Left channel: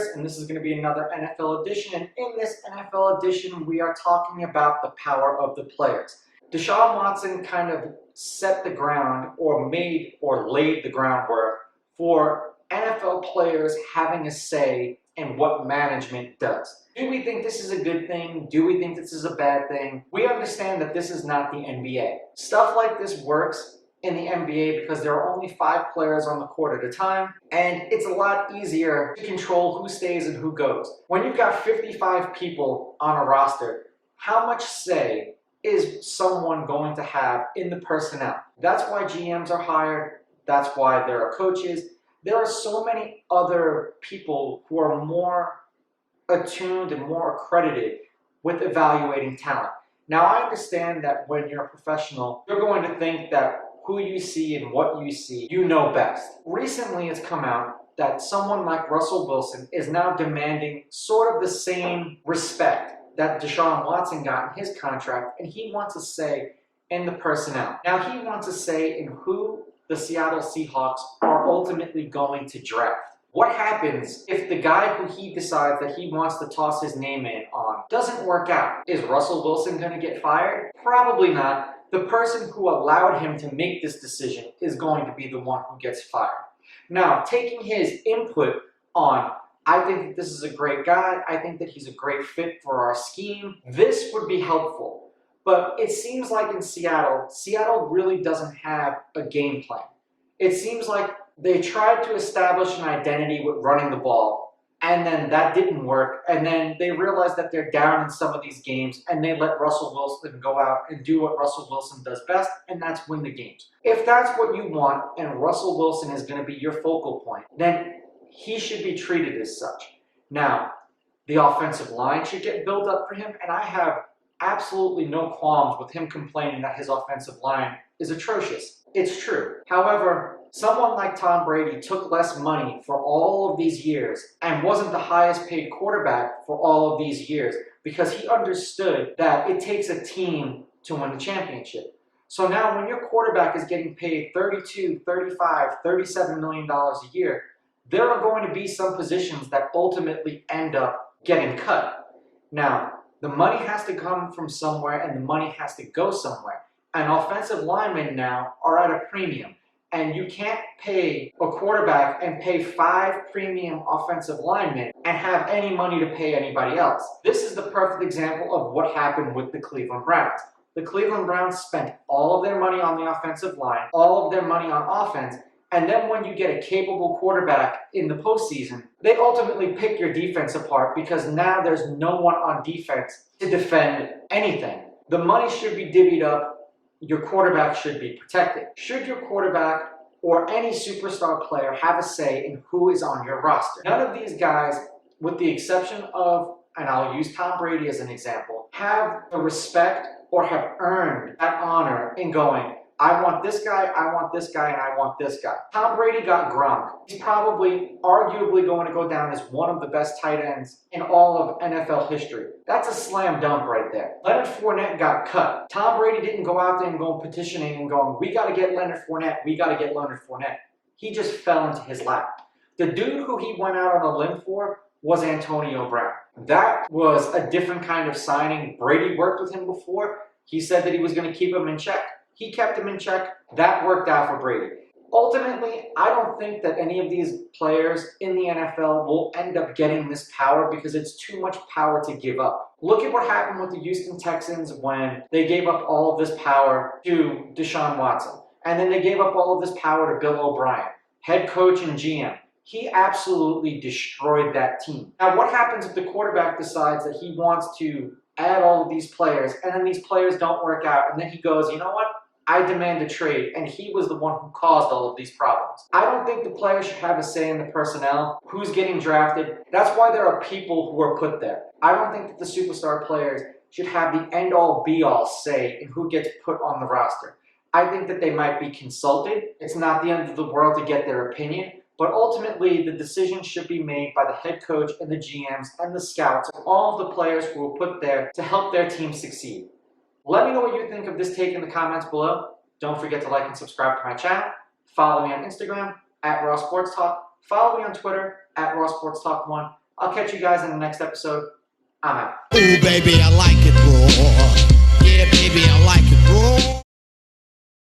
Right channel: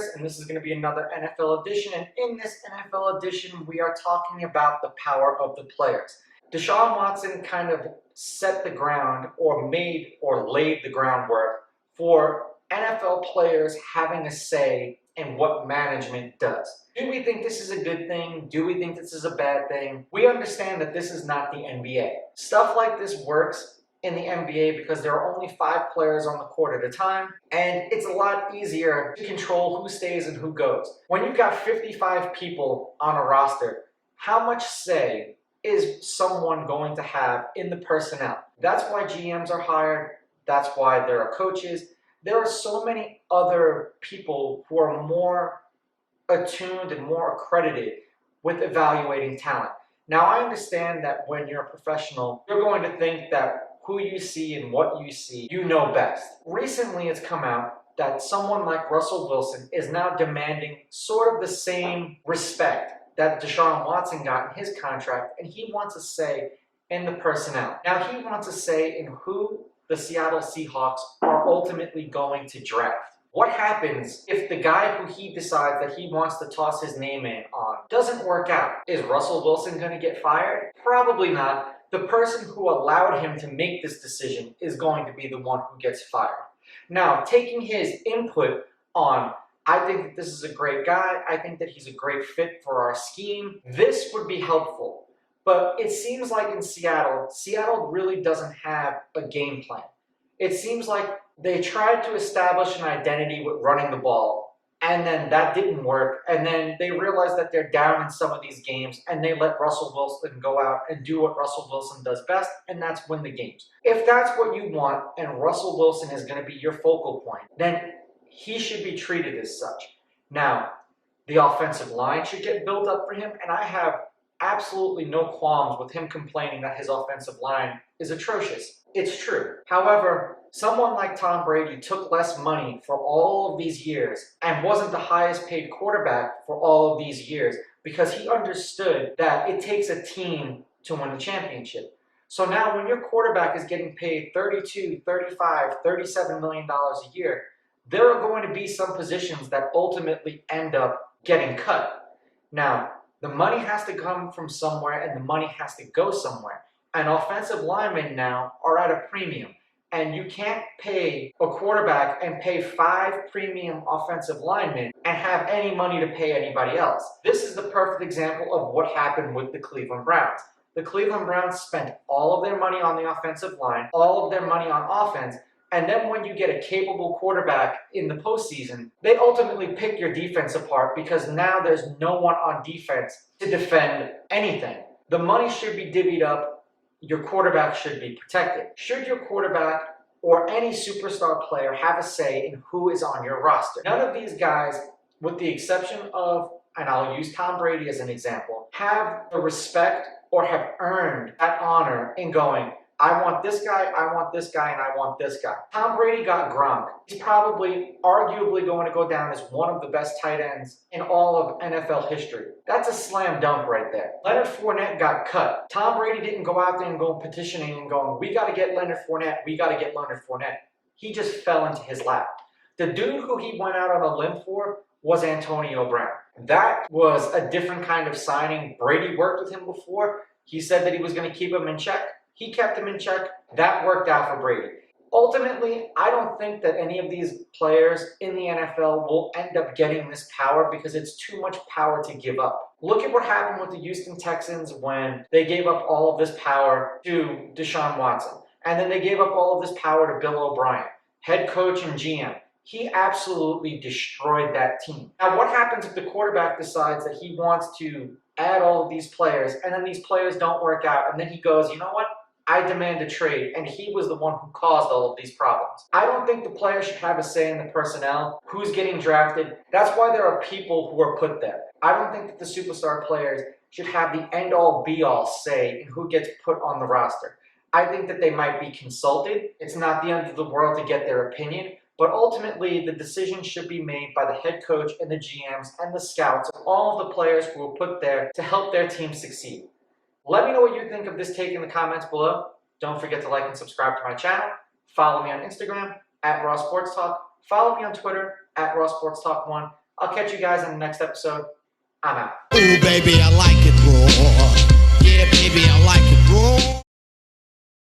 Chris, and this is going to be another NFL edition. And in this NFL edition, we are talking about the power of the players. Deshaun Watson kind of set the ground or laid the groundwork for NFL players having a say in what management does. Do we think this is a good thing? Do we think this is a bad thing? We understand that this is not the NBA. Stuff like this works in the NBA because there are only 5 players on the court at a time, and it's a lot easier to control who stays and who goes. When you've got 55 people on a roster, how much say is someone going to have in the personnel? That's why GMs are hired. That's why there are coaches. There are so many other people who are more attuned and more accredited with evaluating talent. Now, I understand that when you're a professional, you're going to think that who you see and what you see, you know best. Recently, it's come out that someone like Russell Wilson is now demanding sort of the same respect that Deshaun Watson got in his contract, and he wants a say in the personnel. Now, he wants a say in who the Seattle Seahawks are ultimately going to draft. What happens if the guy who he decides that he wants to toss his name in on doesn't work out? Is Russell Wilson going to get fired? Probably not. The person who allowed him to make this decision is going to be the one who gets fired. Now, taking his input on, I think that this is a great guy, I think that he's a great fit for our scheme, this would be helpful. But it seems like in Seattle really doesn't have a game plan. It seems like they tried to establish an identity with running the ball, and then that didn't work, and then they realized that they're down in some of these games, and they let Russell Wilson go out and do what Russell Wilson does best, and that's win the games. If that's what you want, and Russell Wilson is going to be your focal point, then he should be treated as such. Now, the offensive line should get built up for him, and I have absolutely no qualms with him complaining that his offensive line is atrocious. It's true. However, someone like Tom Brady took less money for all of these years and wasn't the highest paid quarterback for all of these years because he understood that it takes a team to win the championship. So now when your quarterback is getting paid $32, $35, $37 million a year, there are going to be some positions that ultimately end up getting cut. Now, the money has to come from somewhere and the money has to go somewhere. And offensive linemen now are at a premium. And you can't pay a quarterback and pay 5 premium offensive linemen and have any money to pay anybody else. This is the perfect example of what happened with the Cleveland Browns. The Cleveland Browns spent all of their money on the offensive line, all of their money on offense, and then when you get a capable quarterback in the postseason, they ultimately pick your defense apart because now there's no one on defense to defend anything. The money should be divvied up. Your quarterback should be protected. Should your quarterback or any superstar player have a say in who is on your roster? None of these guys, with the exception of, and I'll use Tom Brady as an example, have the respect or have earned that honor in going, I want this guy, I want this guy, and I want this guy. Tom Brady got Gronk. He's probably, arguably going to go down as one of the best tight ends in all of NFL history. That's a slam dunk right there. Leonard Fournette got cut. Tom Brady didn't go out there and go petitioning and going, we got to get Leonard Fournette, we got to get Leonard Fournette. He just fell into his lap. The dude who he went out on a limb for was Antonio Brown. That was a different kind of signing. Brady worked with him before. He said that he was going to keep him in check. He kept him in check. That worked out for Brady. Ultimately, I don't think that any of these players in the NFL will end up getting this power because it's too much power to give up. Look at what happened with the Houston Texans when they gave up all of this power to Deshaun Watson. And then they gave up all of this power to Bill O'Brien, head coach and GM. He absolutely destroyed that team. Now, what happens if the quarterback decides that he wants to add all of these players and then these players don't work out and then he goes, you know what? I demand a trade, and he was the one who caused all of these problems. I don't think the players should have a say in the personnel, who's getting drafted. That's why there are people who are put there. I don't think that the superstar players should have the end-all, be-all say in who gets put on the roster. I think that they might be consulted. It's not the end of the world to get their opinion, but ultimately the decision should be made by the head coach and the GMs and the scouts, all of the players who were put there to help their team succeed. Let me know what you think of this take in the comments below. Don't forget to like and subscribe to my channel. Follow me on Instagram, @RawSportsTalk. Follow me on Twitter, @RawSportsTalk1. I'll catch you guys in the next episode. I'm out. Ooh, baby, I like it raw. Yeah, baby, I like